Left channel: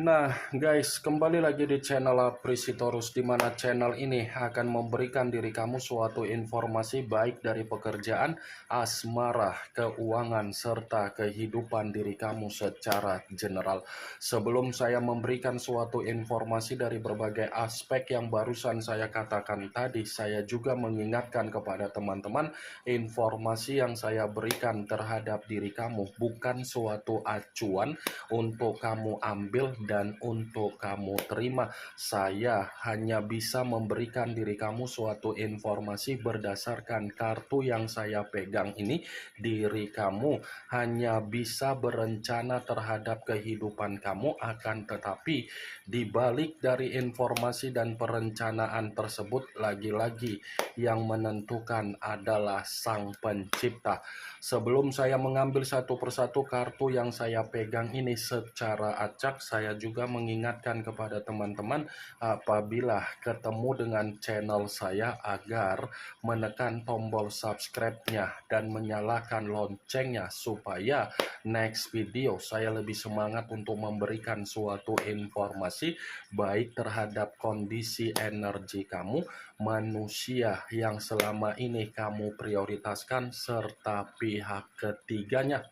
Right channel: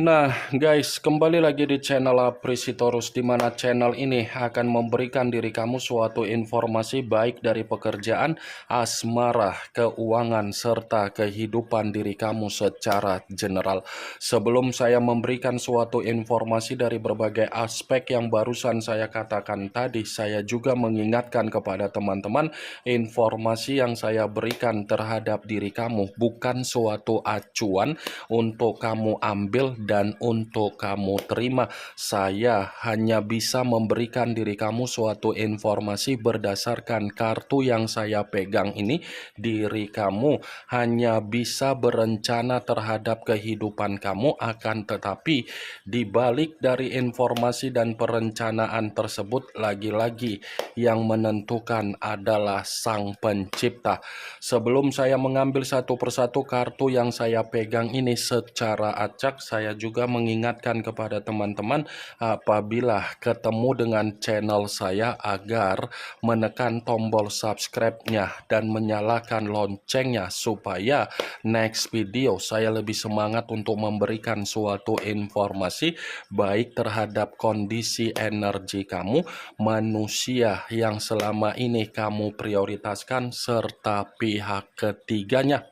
Nah, guys, kembali lagi di channel Aprisitorus, di mana channel ini akan memberikan diri kamu suatu informasi baik dari pekerjaan, asmara, keuangan, serta kehidupan diri kamu secara general. Sebelum saya memberikan suatu informasi dari berbagai aspek yang barusan saya katakan tadi, saya juga mengingatkan kepada teman-teman, informasi yang saya berikan terhadap diri kamu bukan suatu acuan untuk kamu ambil dan untuk kamu terima. Saya hanya bisa memberikan diri kamu suatu informasi berdasarkan kartu yang saya pegang ini. Diri kamu hanya bisa berencana terhadap kehidupan kamu, akan tetapi di balik dari informasi dan perencanaan tersebut, lagi-lagi yang menentukan adalah Sang Pencipta. Sebelum saya mengambil satu persatu kartu yang saya pegang ini secara acak, saya juga mengingatkan kepada teman-teman apabila ketemu dengan channel saya agar menekan tombol subscribe-nya dan menyalakan loncengnya supaya next video saya lebih semangat untuk memberikan suatu informasi baik terhadap kondisi energi kamu, manusia yang selama ini kamu prioritaskan, serta pihak ketiganya.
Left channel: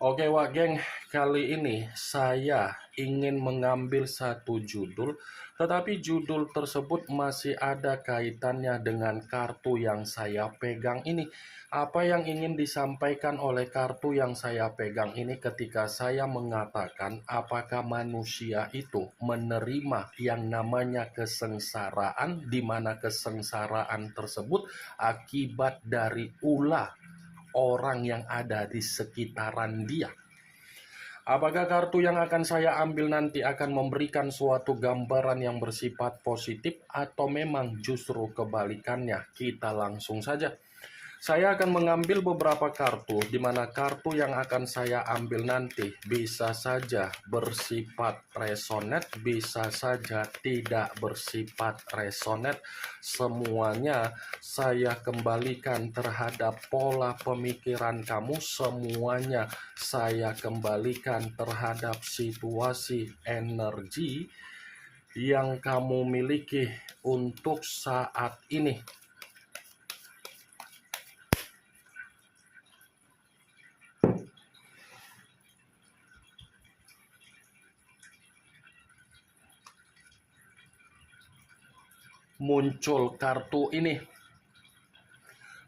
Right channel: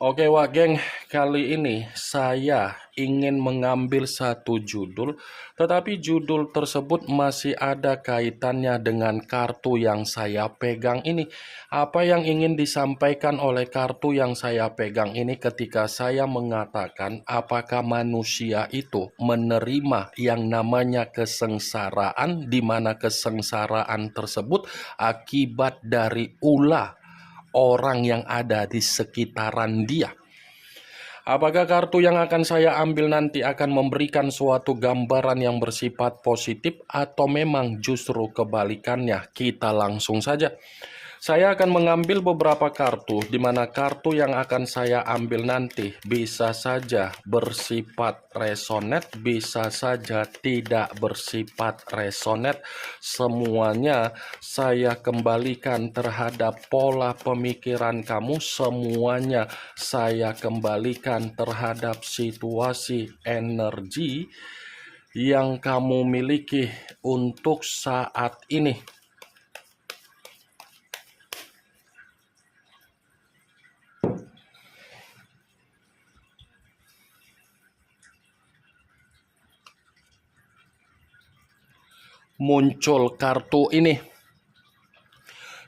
Oke wah geng, kali ini saya ingin mengambil satu judul, tetapi judul tersebut masih ada kaitannya dengan kartu yang saya pegang ini. Apa yang ingin disampaikan oleh kartu yang saya pegang ini ketika saya mengatakan apakah manusia itu menerima yang namanya kesengsaraan, di mana kesengsaraan tersebut akibat dari ulah orang yang ada di sekitaran dia. Apakah kartu yang akan saya ambil nanti akan memberikan suatu gambaran yang bersifat positif atau memang justru kebalikannya? Kita langsung saja. Saya akan mengambil beberapa kartu, di mana kartu yang akan saya ambil nanti bisa saja bersifat resonate, bisa saja tidak bersifat resonate. Semuanya saya kembalikan terhadap pola pemikiran kamu, semuanya saya kembalikan terhadap situasi energi yang kamu miliki untuk saat ini. Muncul kartu ini.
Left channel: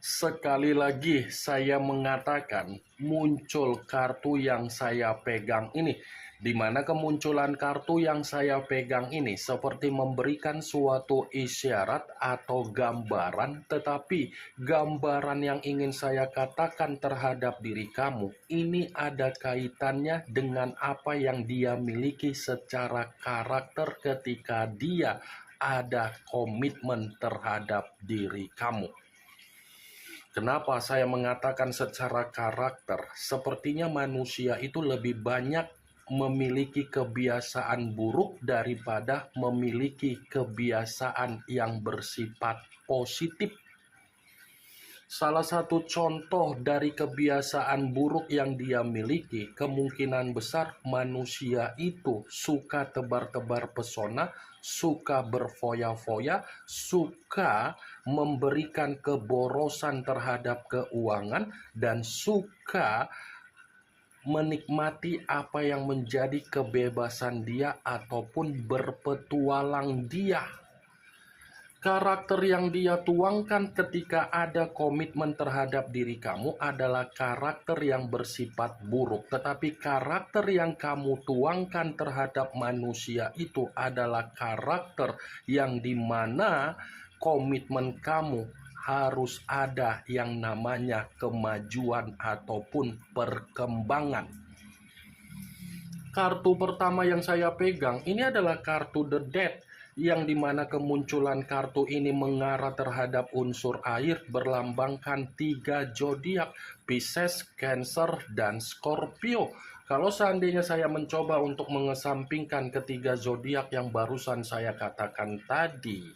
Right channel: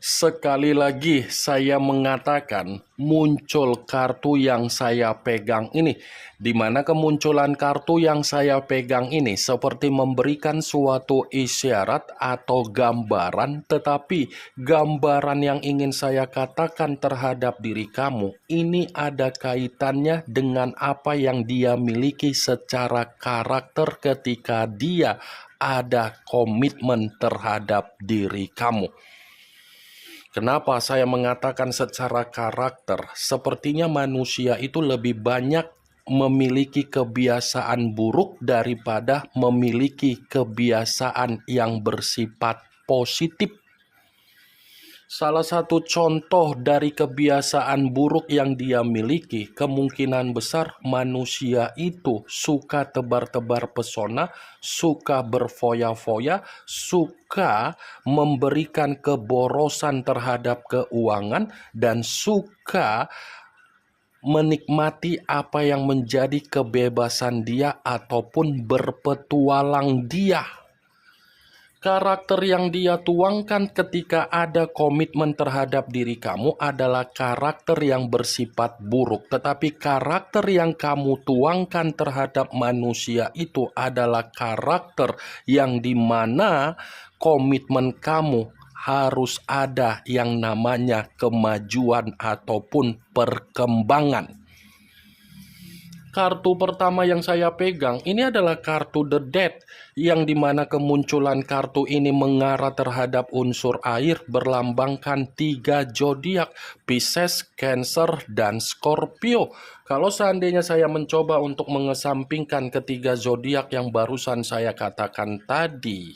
Sekali lagi saya mengatakan muncul kartu yang saya pegang ini, di mana kemunculan kartu yang saya pegang ini seperti memberikan suatu isyarat atau gambaran, tetapi gambaran yang ingin saya katakan terhadap diri kamu ini ada kaitannya dengan apa yang dia miliki secara karakter ketika dia ada komitmen terhadap diri kamu. Kenapa saya mengatakan secara karakter? Sepertinya manusia itu lebih banyak memiliki kebiasaan buruk daripada memiliki kebiasaan yang bersifat positif. Salah satu contoh dari kebiasaan buruk yang dia miliki, kemungkinan besar manusia itu suka tebar-tebar pesona, suka berfoya-foya, suka memberikan keborosan terhadap keuangan, dan suka menikmati apa yang menjadi kebebasan dia ataupun berpetualang dia. Karakter yang dia tuangkan ketika ada komitmen terhadap diri kamu adalah karakter yang bersifat buruk. Tetapi karakter yang kamu tuangkan terhadap manusia itu adalah karakter yang dimana komitmen kamu harus ada yang namanya kemajuan ataupun perkembangan. Kartu pertama yang saya pegang ini adalah kartu The Death, yang dimana kemunculan kartu ini mengarah terhadap unsur air, berlambangkan 3 zodiak, Pisces, Cancer, dan Scorpio. Kalau seandainya saya mencoba untuk mengesampingkan ketiga zodiak yang barusan saya katakan tadi,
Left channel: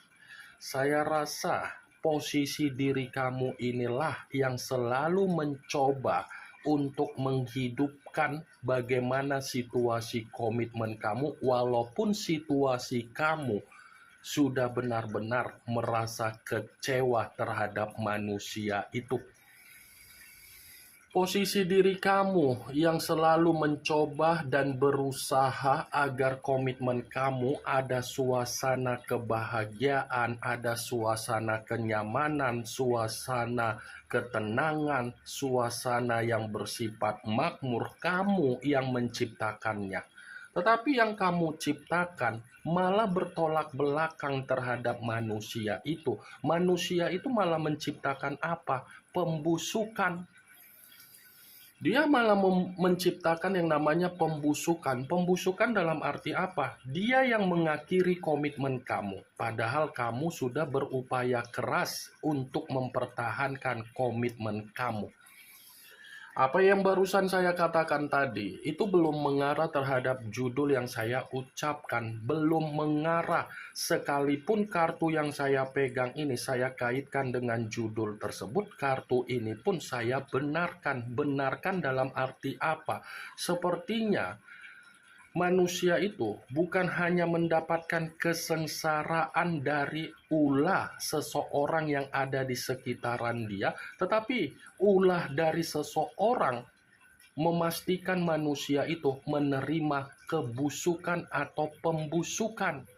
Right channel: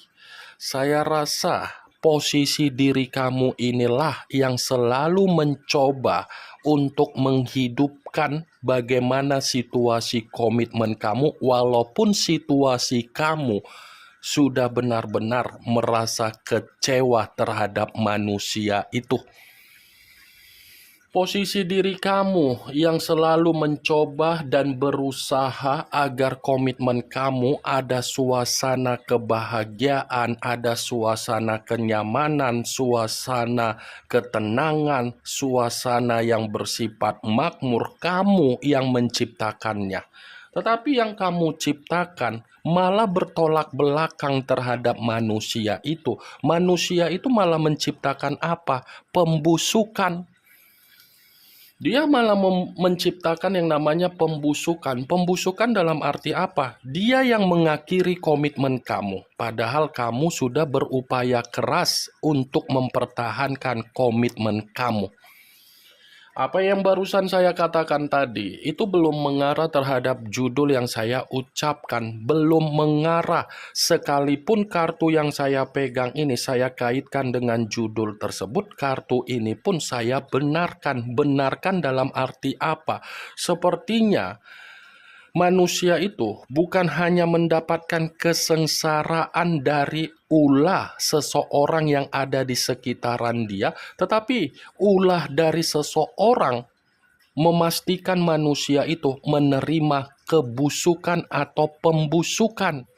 saya rasa posisi diri kamu inilah yang selalu mencoba untuk menghidupkan bagaimana situasi komitmen kamu, walaupun situasi kamu sudah benar-benar merasa kecewa terhadap manusia itu. Posisi diri kamu yang selalu mencoba dan berusaha agar komitmen kamu ada suasana kebahagiaan, ada suasana kenyamanan, suasana ketenangan, suasana yang bersifat makmur, kamu yang menciptakannya. Tetapi yang kamu ciptakan malah bertolak belakang terhadap manusia itu. Manusia itu malah menciptakan apa? Pembusukan. Dia malah menciptakan yang namanya pembusukan. Pembusukan dalam arti apa? Dia yang mengakhiri komitmen kamu. Padahal kamu sudah berupaya keras untuk mempertahankan komitmen kamu. Apa yang barusan saya katakan tadi, itu belum mengarah terhadap judul yang saya ucapkan. Belum mengarah. Sekalipun kartu yang saya pegang ini saya kaitkan dengan judul tersebut, kartu ini pun saya benarkan. Benarkan dalam arti apa? Sepertinya manusia itu bukan hanya mendapatkan kesengsaraan dari ulah seseorang yang ada di sekitaran dia, tetapi ulah dari seseorang memastikan manusia itu menerima kebusukan atau pembusukan.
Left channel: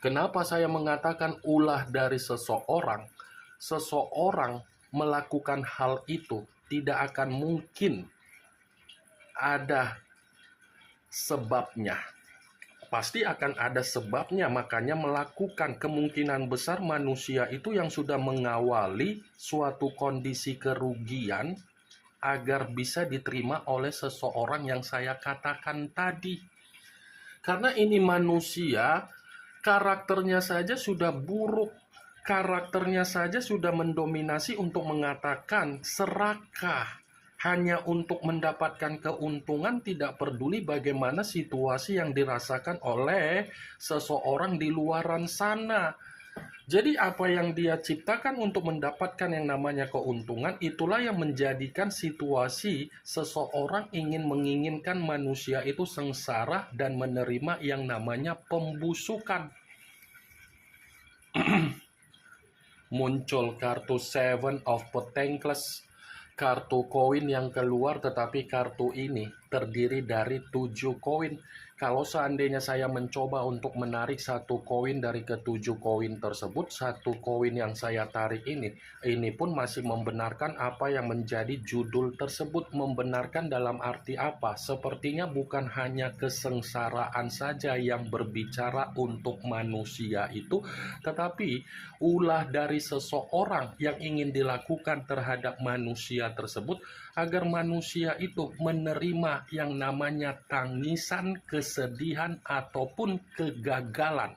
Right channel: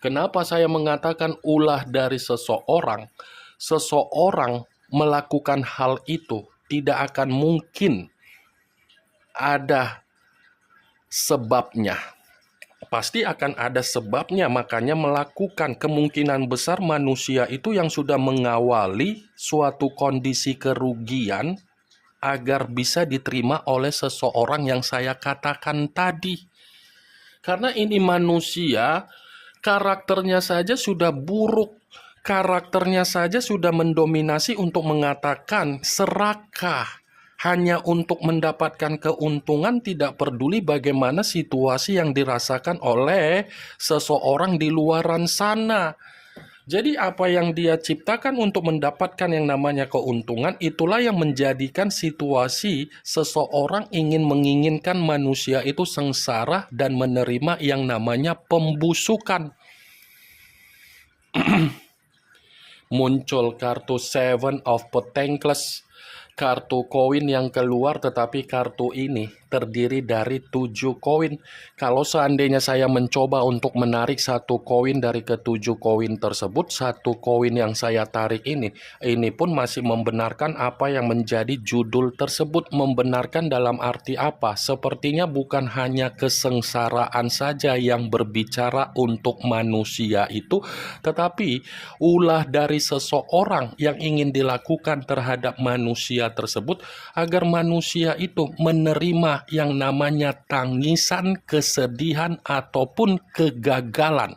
Kenapa saya mengatakan ulah dari seseorang? Seseorang melakukan hal itu tidak akan mungkin ada sebabnya. Pasti akan ada sebabnya, makanya melakukan. Kemungkinan besar manusia itu yang sudah mengawali suatu kondisi kerugian agar bisa diterima oleh seseorang yang saya katakan tadi. Karena ini manusia, karakternya saja sudah buruk. Karakternya saja sudah mendominasi untuk mengatakan serakah. Hanya untuk mendapatkan keuntungan, tidak peduli bagaimana situasi yang dirasakan oleh seseorang di luaran sana. Jadi apa yang dia ciptakan untuk mendapatkan yang namanya keuntungan, itulah yang menjadikan situasi seseorang menginginkan manusia itu sengsara dan menerima yang namanya pembusukan. Muncul kartu Seven of Pentacles, kartu koin yang keluar, tetapi kartu ini terdiri dari 7 koin. Kalau seandainya saya mencoba untuk menarik satu koin dari ketujuh koin tersebut, satu koin yang saya tarik ini pun masih membenarkan apa yang menjadi judul tersebut. Membenarkan dalam arti apa? Sepertinya bukan hanya kesengsaraan saja yang berbicara untuk manusia itu, tetapi ulah dari seseorang yang ingin dilakukan terhadap manusia tersebut agar manusia itu menerima yang namanya tangisan, kesedihan, ataupun kegagalan.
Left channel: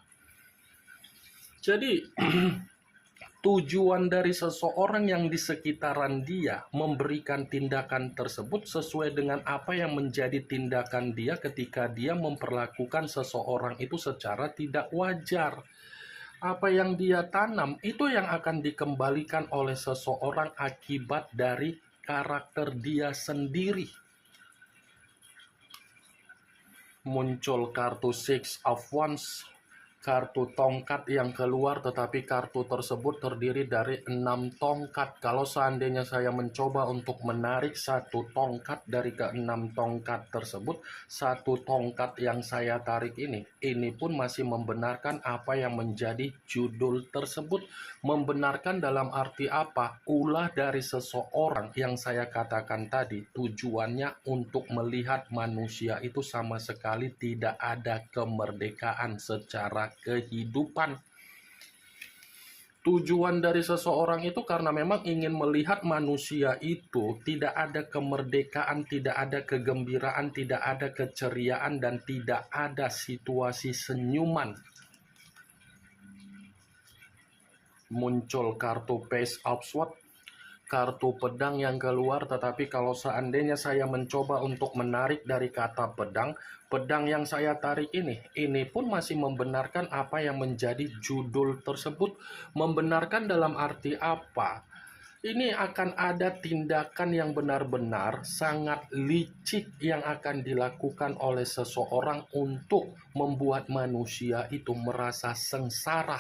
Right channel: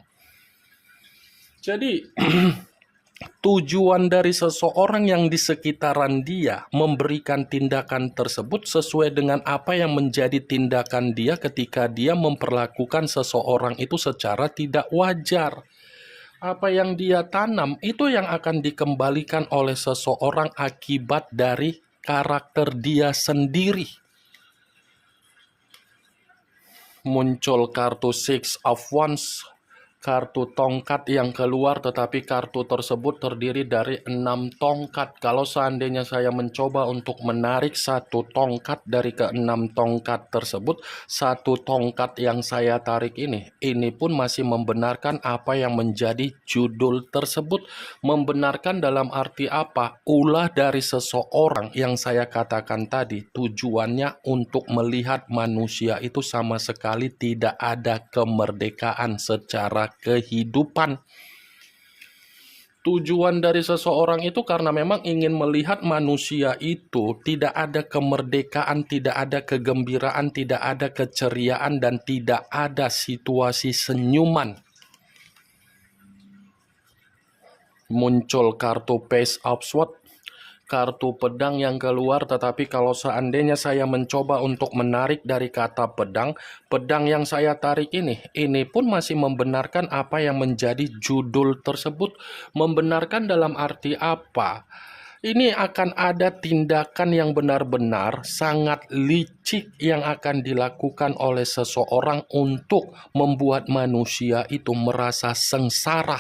Jadi tujuan dari seseorang yang di sekitaran dia memberikan tindakan tersebut sesuai dengan apa yang menjadi tindakan dia ketika dia memperlakukan seseorang itu secara tidak wajar. Apa yang dia tanam itu yang akan dikembalikan oleh seseorang akibat dari karakter dia sendiri. Muncul kartu Six of Wands, kartu tongkat yang keluar, tetapi kartu tersebut terdiri dari 6 tongkat. Kalau seandainya saya mencoba untuk menarik satu tongkat dari ke-6 tongkat tersebut, satu tongkat yang saya tarik ini pun masih membenarkan apa yang menjadi judul tersebut. Membenarkan dalam arti apa? Ulah dari seseorang yang saya katakan tadi, tujuannya untuk melihat manusia itu sama sekali tidak ada kemerdekaan secara kehidupan. Tujuan dari seseorang itu karena memang ingin melihat manusia itu tidak ada kemerdekaan, tidak ada kegembiraan, tidak ada keceriaan, dan tidak ada situasi senyuman. Muncul kartu Page of Swords, kartu pedang yang keluar, tetapi kalau seandainya saya mencoba untuk menarik dari kata pedang, pedang yang saya tarik ini pun masih membenarkan apa yang menjadi judul tersebut. Membenarkan dalam arti apa? Ini akan ada tindakan yang benar-benar sangat licik yang akan dilakukan oleh seseorang untuk membuat manusia itu merasa sengsara.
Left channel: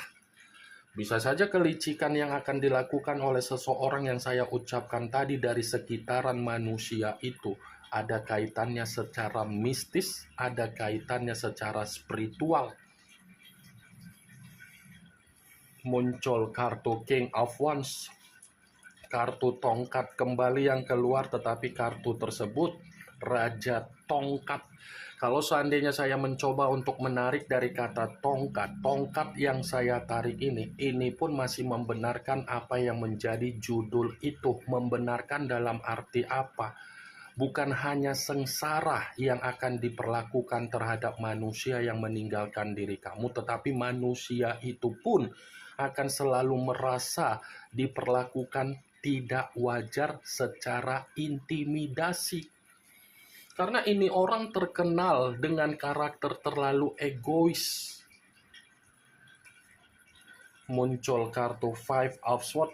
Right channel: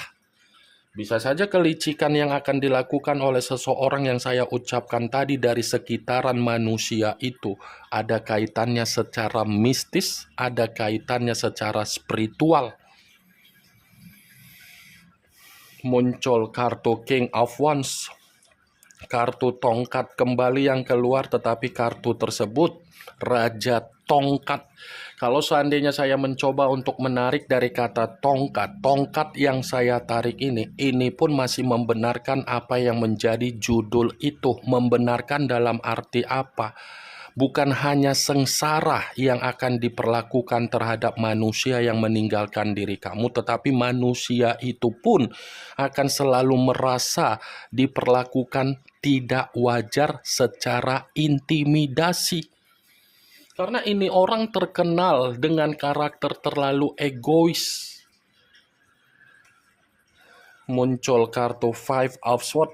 Bisa saja kelicikan yang akan dilakukan oleh seseorang yang saya ucapkan tadi dari sekitaran manusia itu ada kaitannya secara mistis, ada kaitannya secara spiritual. Muncul kartu King of Wands, kartu tongkat kembali yang keluar, tetapi kartu tersebut Raja Tongkat. Kalau seandainya saya mencoba untuk menarik dari kata tongkat, tongkat yang saya tarik ini pun masih membenarkan apa yang menjadi judul itu. Membenarkan dalam arti apa? Bukan hanya sengsara yang akan diperlakukan terhadap manusia yang meninggalkan diri kamu, tetapi manusia itu pun akan selalu merasa diperlakukan tidak wajar secara intimidasi. Karena ini orang terkenal dengan karakter terlalu egois. Muncul kartu Five of Swords,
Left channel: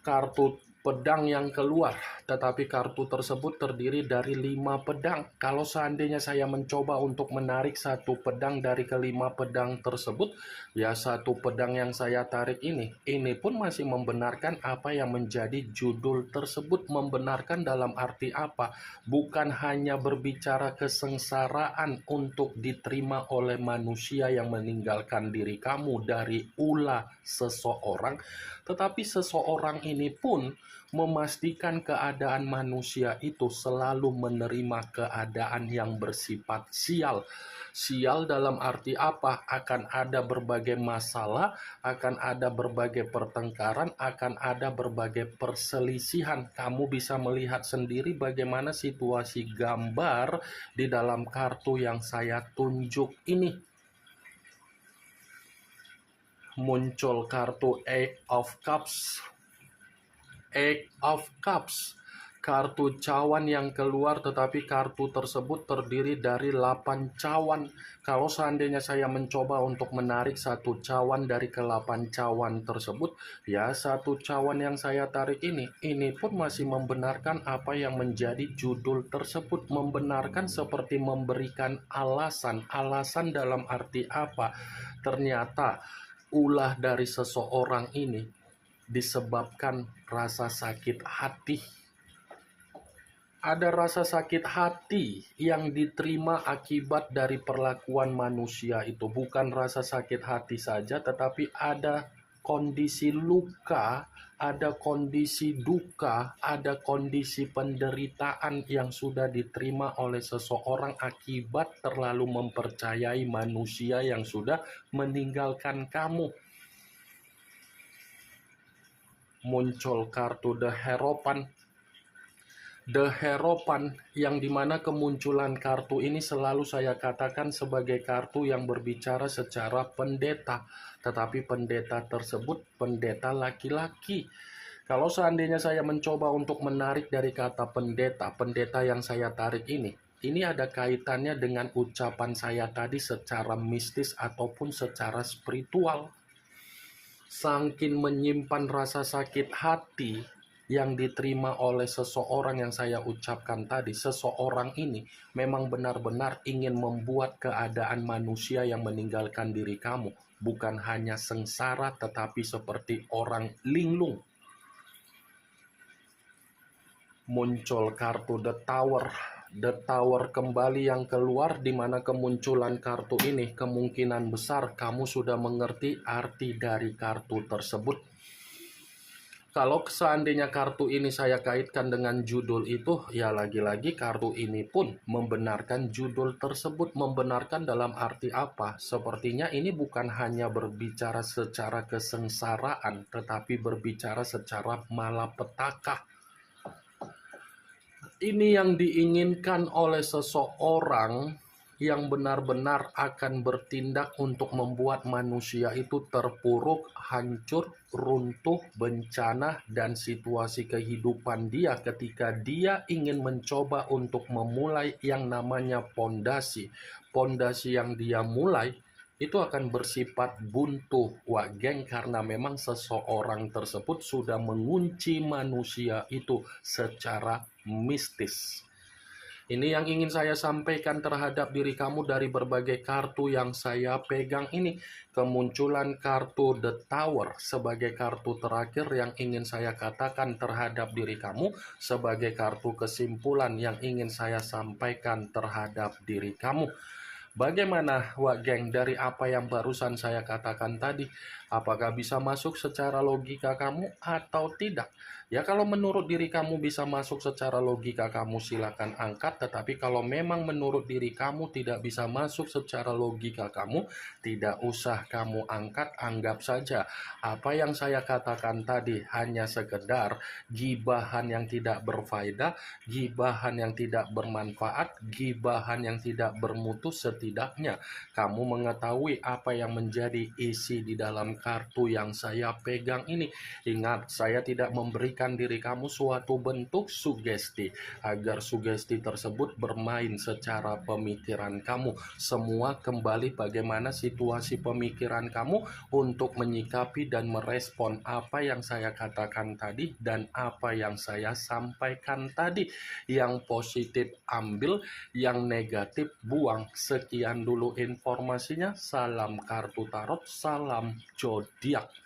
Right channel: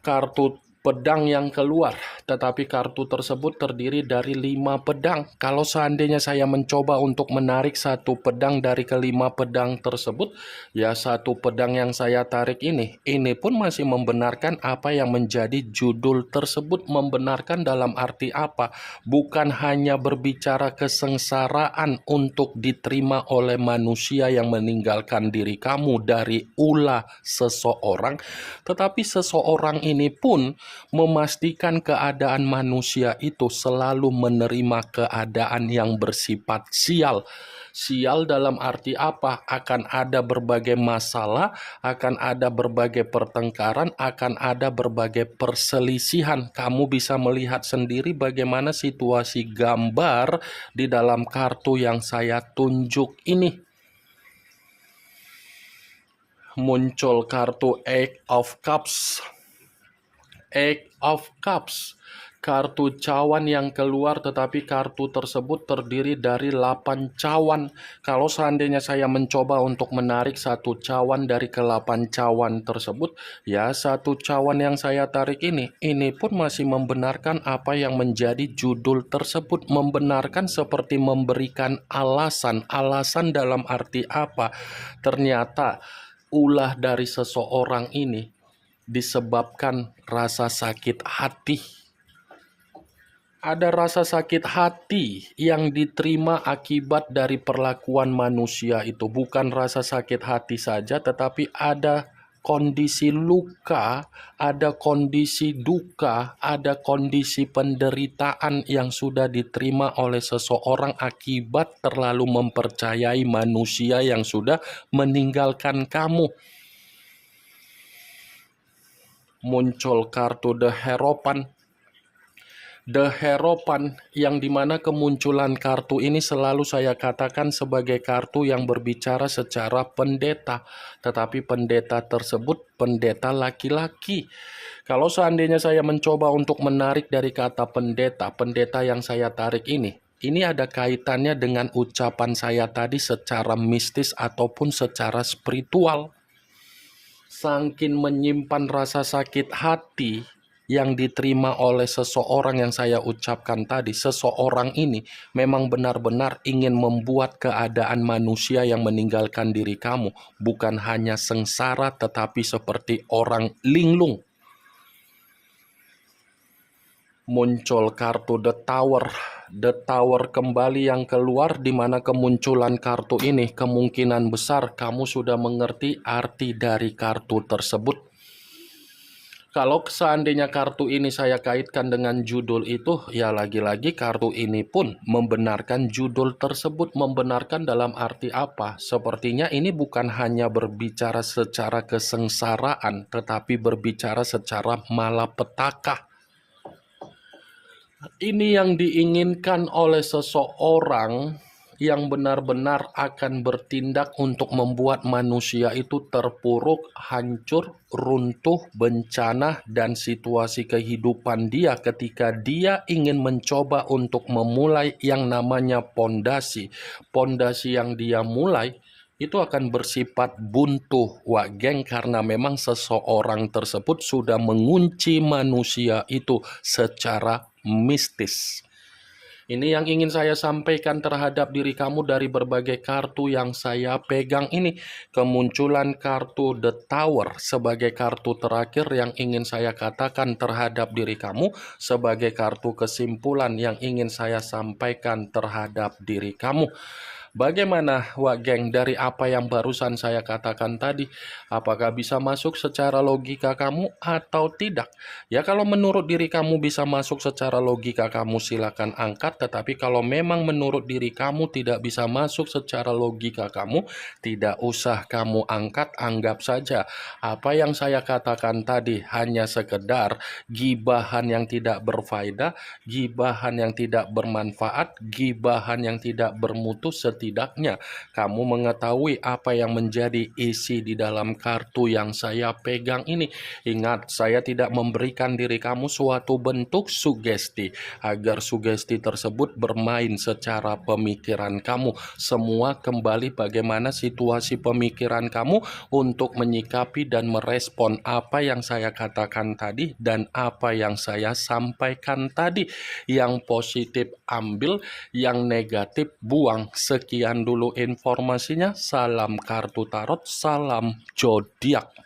kartu pedang yang keluar, tetapi kartu tersebut terdiri dari 5 pedang. Kalau seandainya saya mencoba untuk menarik satu pedang dari kelima pedang tersebut, ya satu pedang yang saya tarik ini pun masih membenarkan apa yang menjadi judul tersebut. Membenarkan dalam arti apa? Bukan hanya berbicara kesengsaraan untuk diterima oleh manusia yang meninggalkan diri kamu dari ulah seseorang, tetapi seseorang ini pun memastikan keadaan manusia itu selalu menerima keadaan yang bersifat sial. Sial dalam arti apa? Akan ada berbagai masalah, akan ada berbagai pertengkaran, akan ada berbagai perselisihan. Kamu bisa melihat sendiri bagaimana situasi gambar di dalam kartu yang saya tunjuk ini. Muncul kartu Eight of Cups. Eight of Cups, kartu cawan yang keluar, tetapi kartu tersebut terdiri dari 8 cawan. Kalau seandainya saya mencoba untuk menarik satu cawan dari ke-8 cawan tersebut, ya satu cawan yang saya tarik ini pun masih membenarkan apa yang menjadi judul tersebut. Membenarkan seperti memberikan alasan dalam arti apa? Ternyata ulah dari seseorang ini disebabkan rasa sakit hati. Ada rasa sakit hati yang diterima akibat dari perlakuan manusia itu. Bukan rasa sakit hati saja, tetapi ada kondisi luka, ada kondisi duka, ada kondisi penderitaan yang sudah diterima oleh seseorang akibat terlalu mempercayai manusia yang sudah meninggalkan kamu. Muncul kartu The Hierophant. The Hierophant yang dimana kemunculan kartu ini selalu saya katakan sebagai kartu yang berbicara secara pendeta. Tetapi pendeta tersebut pendeta laki-laki. Kalau seandainya saya mencoba untuk menarik dari kata pendeta, pendeta yang saya tarik ini ada kaitannya dengan ucapan saya tadi secara mistis ataupun secara spiritual. Sangkin menyimpan rasa sakit hati yang diterima oleh seseorang yang saya ucapkan tadi. Seseorang ini memang benar-benar ingin membuat keadaan manusia yang meninggalkan diri kamu bukan hanya sengsara, tetapi seperti orang linglung. Muncul kartu The Tower. The Tower kembali yang keluar, di mana kemunculan kartu ini kemungkinan besar kamu sudah mengerti arti dari kartu tersebut. Kalau seandainya kartu ini saya kaitkan dengan judul itu, ya lagi-lagi kartu ini pun membenarkan judul tersebut. Membenarkan dalam arti apa? Sepertinya ini bukan hanya berbicara secara kesengsaraan, tetapi berbicara secara malapetaka. Ini yang diinginkan oleh seseorang yang benar-benar akan bertindak untuk membuat manusia itu terpuruk, hancur, runtuh, bencana, dan situasi kehidupan dia ketika dia ingin mencoba untuk memulai yang namanya pondasi. Pondasi yang dia mulai itu akan bersifat buntu, Wak Geng, karena memang seseorang tersebut sudah mengunci manusia itu secara mistis. Ini yang ingin saya sampaikan terhadap diri kamu dari berbagai kartu yang saya pegang ini. Kemunculan kartu The Tower sebagai kartu terakhir yang ingin saya katakan terhadap diri kamu, sebagai kartu kesimpulan yang ingin saya sampaikan terhadap diri kamu. Bagaimana, Wak Geng, dari apa yang barusan saya katakan tadi? Apakah bisa masuk secara logika kamu atau tidak? Ya, kalau menurut diri kamu bisa masuk secara logika kamu, silakan angkat. Tetapi kalau memang menurut diri kamu tidak bisa masuk secara logika kamu, tidak usah kamu angkat. Anggap saja apa yang saya katakan tadi hanya sekedar gibahan yang tidak berfaedah, gibahan yang tidak bermanfaat, gibahan yang tidak bermutu. Setidaknya kamu mengetahui apa yang menjadi isi di dalam kartu yang saya pegang ini. Ingat, saya tidak memberikan diri kamu suatu bentuk sugesti agar sugesti tersebut bermain secara pemikiran kamu. Semua kembali bagaimana situasi pemikiran kamu untuk menyikapi dan merespon apa yang saya katakan tadi dan apa yang saya sampaikan tadi. Yang positif ambil, yang negatif buang. Sekian dulu informasinya. Salam kartu tarot, salam zodiak.